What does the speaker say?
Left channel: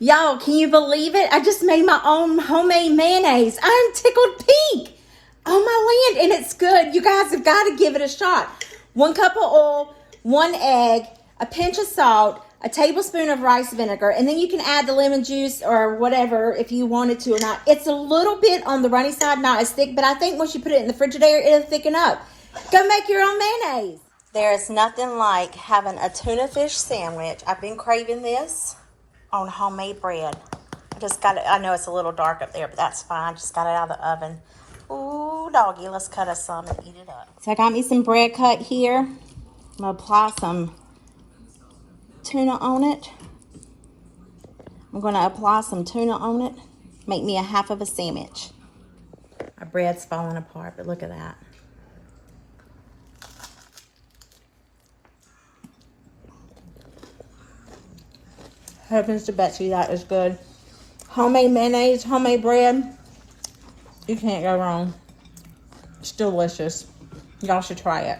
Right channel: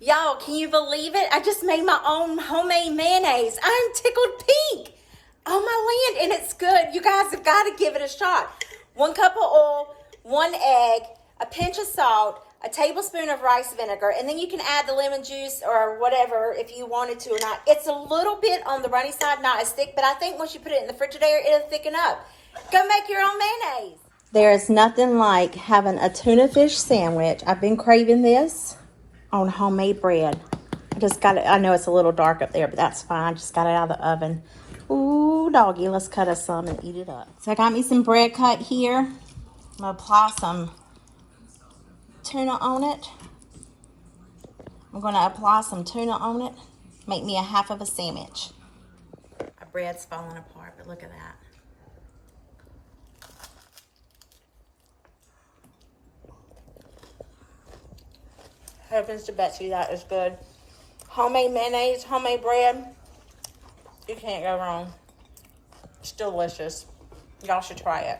Y'all, can you believe it? I just made my own homemade mayonnaise. I'm tickled pink on my land, and it's good. You guys have got to give it a shot. 1 cup of oil, 1 egg, a pinch of salt, a tablespoon of rice vinegar, and then you can add the lemon juice or whatever if you wanted to or not. It's a little bit on the runny side, not as thick, but I think once you put it in the Frigidaire, it'll thicken up. Go make your own mayonnaise. There's nothing like having a tuna fish sandwich. I've been craving this on homemade bread. I just got it. I know it's a little dark up there, but that's fine. Just got it out of the oven. Ooh, doggy, let's cut us some and eat it up. So I got me some bread cut here. I'm gonna apply some tuna on it. I'm gonna apply some tuna on it. Make me a half of a sandwich. My bread's falling apart, but look at that. Heavens to Betsy, that is good. Homemade mayonnaise, homemade bread. You can't go wrong. It's delicious. Y'all should try it.